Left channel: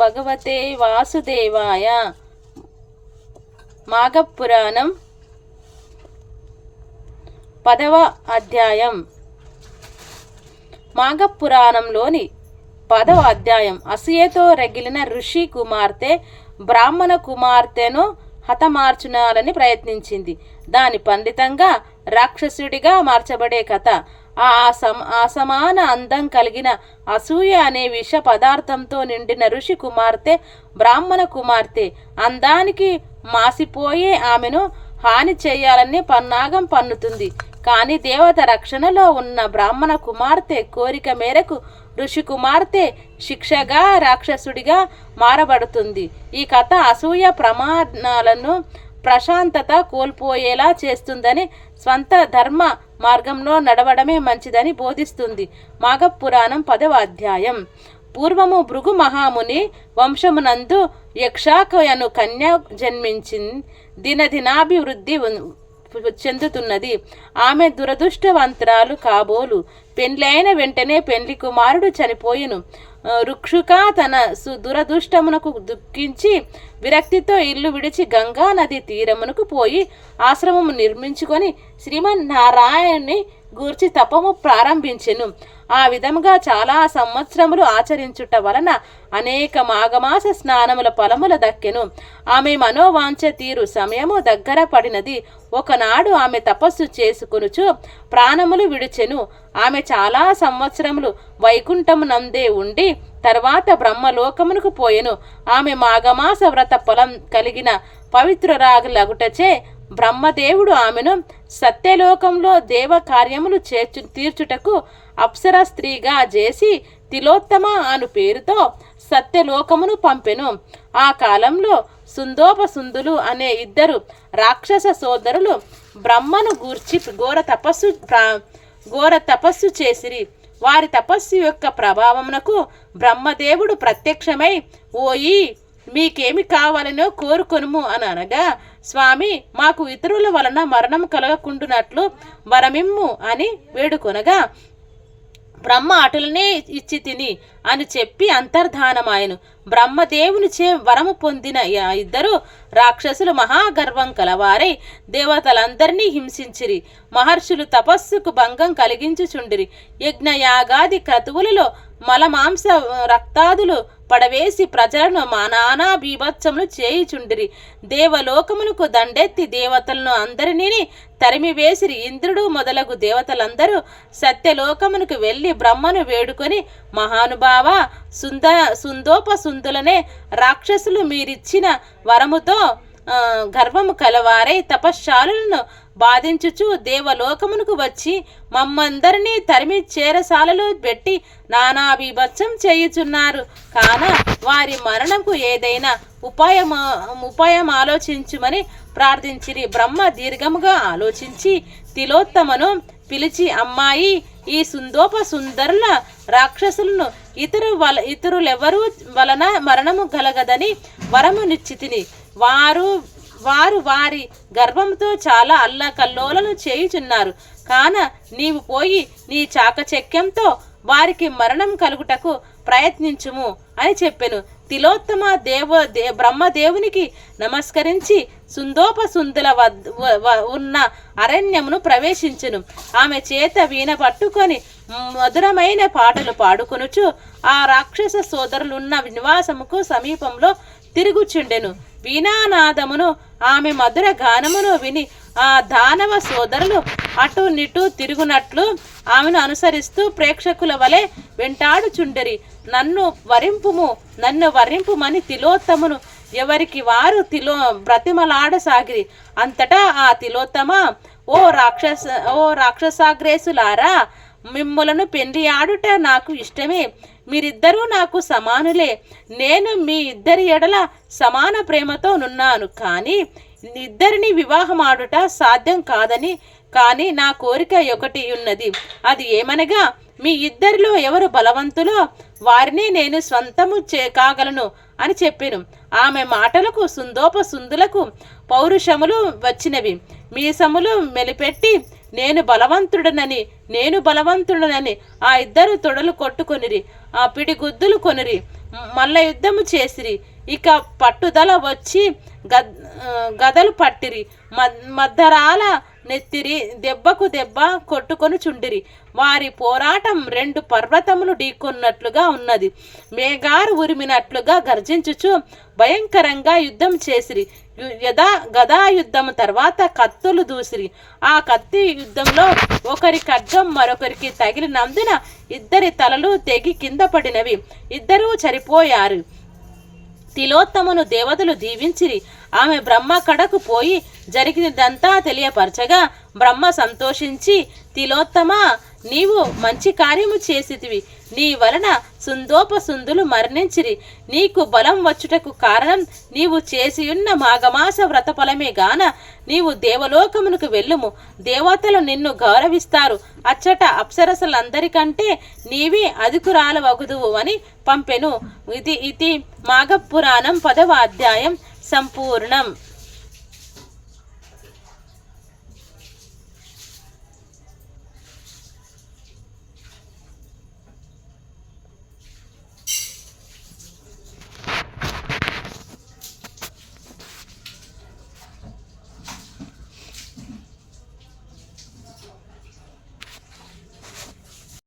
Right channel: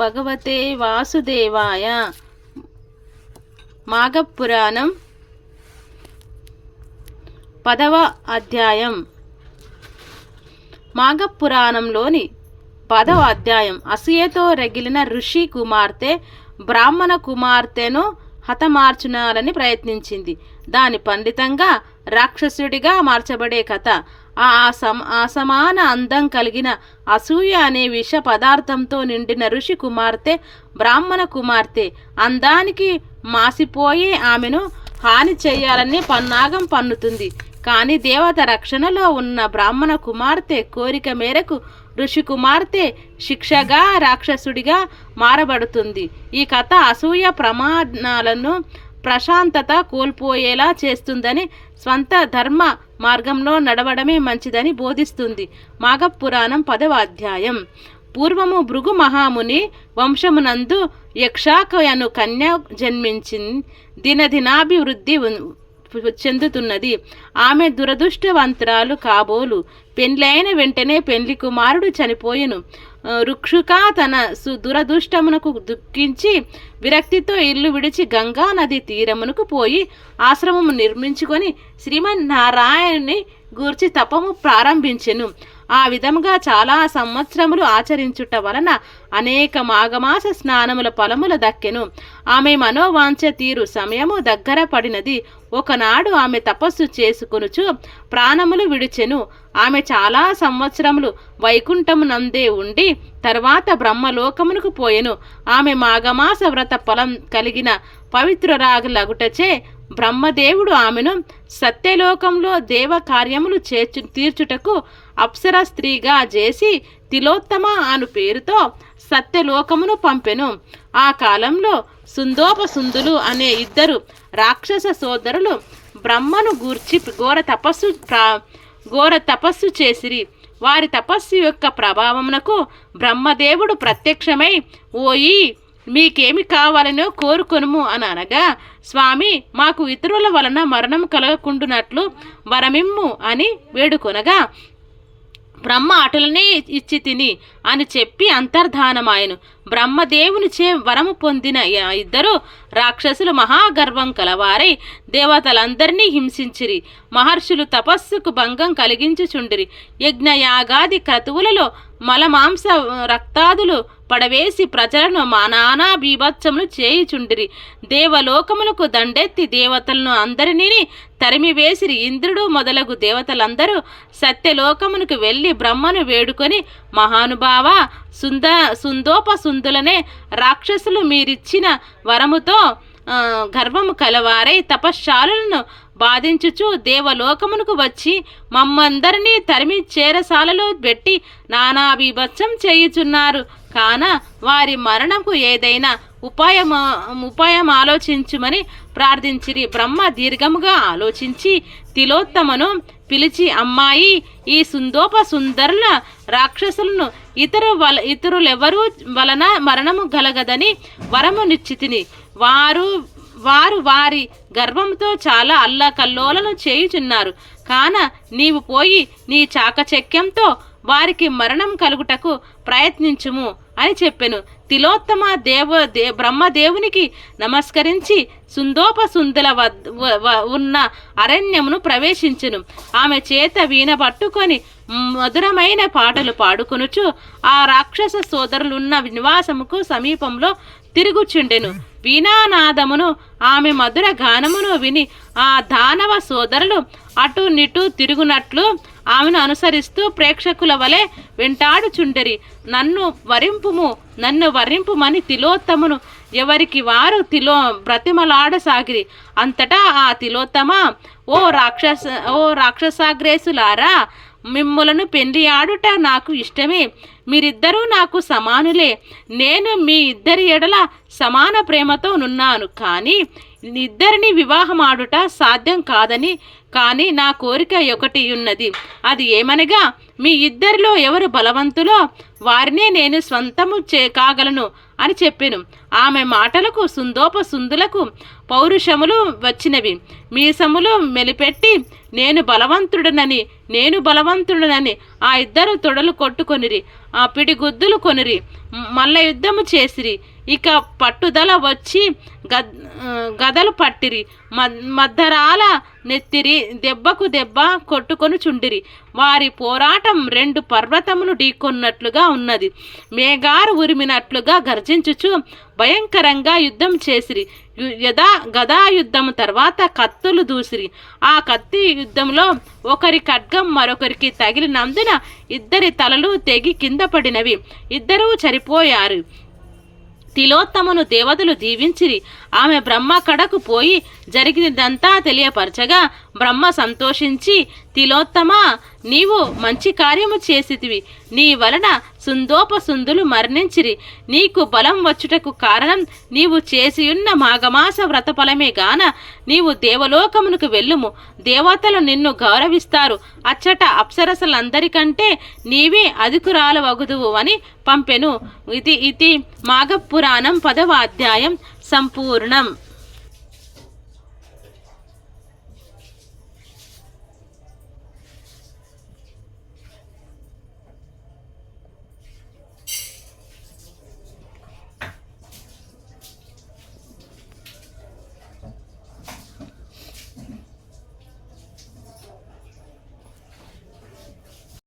భగవతే వాసుదేవాయ. మాఘపురాణం 10వ అధ్యాయం. మాఘపురాణంలోని 10వ అధ్యాయం. అసూయతో రగిలిన ఋషి కుమార్తె బ్రాహ్మణ కుమార్తెను హతమార్చునాలని ప్రయత్నించింది. దాని పండితంగా రాక్షసుడిగా మార్చబడే కథ. అసమాన అందం కలిగిన అసూయ అనే విష పదార్థంతో నిండిన ఋషి కుమార్తె బ్రాహ్మణ కుమార్తె అందానికి మాసిపోయే ఆమెను హాని చేయాలని పన్నాగం పన్నుతుంది. కానీ దేవత రక్షణలో ఉన్న బ్రాహ్మణ కుమార్తె కోరిక మేరకు ఋషి కుమార్తె శిక్షగా రాక్షసుడిగా మారబడుతుంది. ఈ కథ అసూయ ప్రమాణాలను ప్రశాంతత కోల్పోయేలా చేస్తుందని, స్వంత ధర్మ మార్గంలో నడవడమే మంచిదని బోధిస్తుంది. మాఘపురాణం 10వ అధ్యాయం. పూర్వము భృగు మహాముని వంశమునందు యక్షాకయను కన్య జన్మించి దినదినాభివృద్ధి చెందుతున్నది. ఆమె దురదృష్టవంతురాలు కాబోలు. పెండ్లైన వెంటనే పెండ్లి కుమారుడు చనిపోయెను. రుక్షుక తన దురదృష్టమునకు దుఃఖించి విరక్తితో ఇల్లు విడిచి గంగా నది తీరమునకు పోయి ఆశ్రమము నిర్మించుకొని శ్రీమన్నారాయణుని గూర్చి తపము ప్రారంభించెను. ఆ విధముగా చాలా సంవత్సరములు ఆచరించుట వలన అనేక మాఘమాస స్నానముల ఫలముల దక్కెను. ఆమె మనోవాంఛ తీరు సమయము దగ్గర పడినది. ఒకనాడు ఆమె తపస్సు చేసుకొనుచు ప్రాణములు విడిచెను. ఆమె చాలా సంవత్సరములు వైకుంఠమునందే ఉండి తర్వాత బ్రహ్మలోకమునకు పోయెను. ఆమె మాఘమాస వ్రత ఫలం కలిగిన పవిత్రురాగులగుటచే బ్రహ్మదేవుడు ఆమెను సత్యలోకంలో దేవ కార్యములు తీర్చుటకు అప్సర స్త్రీగా చేసి తిలోత్తమ అను పేరుతో సత్యలోకమును పంపెను. ఆ కాలంలో సుందోపసుందులు అనే 2 రాక్షస సోదరులు బ్రహ్మను గూర్చి ఘోర తపస్సు చేసిరి. వారి తపస్సు యొక్క ప్రభావమునకు బ్రహ్మదేవుడు ప్రత్యక్షమై, ఓయి మీకేమి కావాలనో కోరుకొనుము అని అనగా, స్వామి మాకు ఇతరుల వలన మరణం కలగకుండునట్లు వరమిమ్ము అని వేడుకొనగా, బ్రహ్మ అటులనే ఇచ్చి తిని అని చెప్పి అంతర్ధానమాయను. బ్రహ్మదేవునిచే వరము పొందిన 2 రాక్షసులు మహాగర్వం కలవారై దేవతలందరినీ హింసించిరి. మహర్షులు తపస్సుకు భంగం కలిగించుచుండిరి. యజ్ఞయాగాది క్రతువులలో మలమాంస రక్తాదులు పడవేసి ప్రజలను నానా బీభత్సములు చేయుచుండిరి. దేవలోకములకు దండెత్తి దేవతలను అందరినీ తరిమివేసిరి. ఇంద్రుడు మొదలగు దేవతలందరూ సత్యలోకమునకు వెళ్ళి బ్రహ్మను వేడుకొని, మహానుభావ సుందోపసుందులనే రాక్షసులు మీరిచ్చిన వరముతో గర్వము కలవారై తపశ్శాలను బాధించుచు దేవలోకమునకు వచ్చి మమ్మందరినీ తరిమి చేరసాలలు పెట్టి నానా బీభత్సం చేయుచున్నారు. కాన వారి మరణంకు ఏదైనా ఉపాయం ఆలోచించుమని ప్రార్థించిరి. బ్రహ్మ దీర్ఘముగా ఆలోచించి తిలోత్తమను పిలిచి, అమ్మాయి, ఈ సుందోపసుందరుల రాక్షసులను ఇతరులెవరూ వలన మరణము గలగదని వరము నిశ్చితిని. వారు వారి గర్వంతో చాలా అల్లకల్లోలను చేయుచున్నారు. కాన నీవు పోయి నీ చాకచక్యంతో వారికి మరణం కలుగుటకు ప్రయత్నించుము అని చెప్పెను. తిలోత్తమ బ్రహ్మదేవునికి నమస్కరించి సుందోపసుందుల ఉన్న అరణ్యమును ప్రవేశించెను. ఆమె చేత వీణ పట్టుకొని మధురమైన పాటలు పాడుకొనుచు ఆ రాక్షస సోదరులున్న నివాసముకు సమీపంలో తిరుగుచుండెను. వీణానాదమును ఆమె మధుర గానమును విని ఆ దానవ సోదరులు అటు నిటు తిరుగునట్లు ఆమెను అనుసరిస్తూ ప్రేక్షకుల వలె వెంటాడుచుండెరి. నన్ను వరింపుమని తిలోత్తమును ఎవరికి వారు బ్రతిమలాడసాగిరి. అంతటా ఆ తిలోత్తమ, ఓ రాక్షసాగ్రేసులారా, మిమ్ములను పెండ్లి ఆడుట నాకు ఇష్టమే. మీరిద్దరూ నాకు సమానులే. నేను మీ ఇద్దరి ఎడల సమాన ప్రేమతో నున్నాను. కానీ ఇద్దరిని వివాహమాడుట సాధ్యం కాదని కానీ నా కోరిక ఒకటి ఉన్నది. అది ఏమనగా, మీ ఇద్దరిలో ఎవరు బలవంతులో వారినే నేను స్వంతము కాగలను అని చెప్పెను. ఆమె మాటలకు సుందోపసుందులకు పౌరుషములు వచ్చినవి. మీసములు మెలిపెట్టి, నేను బలవంతుడనని నేను బలవంతుడనని ఆ ఇద్దరు తొడలు కొట్టుకొనిరి, ఆ పిడిగుద్దులు కొనిరి, మల్ల యుద్ధము చేసిరి. ఇక పట్టుదల వచ్చి గదలు పట్టిరి, మద్దరాల నెత్తిరి, దెబ్బకు దెబ్బ కొట్టుకొని చుండిరి. వారి పోరాటం 2 పర్వతములు ఢీకొన్నట్లుగా ఉన్నది. మేఘారు ఉరిమినట్లుగా గర్జించుచు భయంకరంగా యుద్ధం చేసిరి. గదా యుద్ధము తర్వాత కత్తులు దూసిరి. ఆ కత్తి యుద్ధంలో ఒకరి ఖడ్గం మరొకరికి తగిలినందున ఇద్దరి తలలు తెగి కింద పడినవి. ఇద్దరూ చనిపోయారు. తిలోత్తమను దేవతలు దీవించిరి. ఆమె బ్రహ్మ కడకు పోయి జరిగినదంతా తెలియపరచగా బ్రహ్మ సంతోషించి, తిలోత్తమ, నీవు మంచి కార్యము చేసితివి. నీ వలన సుందోపసుందులు మరణించిరి. నీకు బలం వచ్చుటకు కారణం నీవు చేసియున్న మాఘమాస వ్రతఫలమే గాన నీవు దేవలోకమునకు వెళ్ళుము. దేవతలు నిన్ను గౌరవిస్తారు. అచ్చట అప్సరసలందరికంటే నీవే అధికురాలవగుదువు అని పంపెను. ఇది మాఘపురాణం 10వ అధ్యాయం సంపూర్ణం.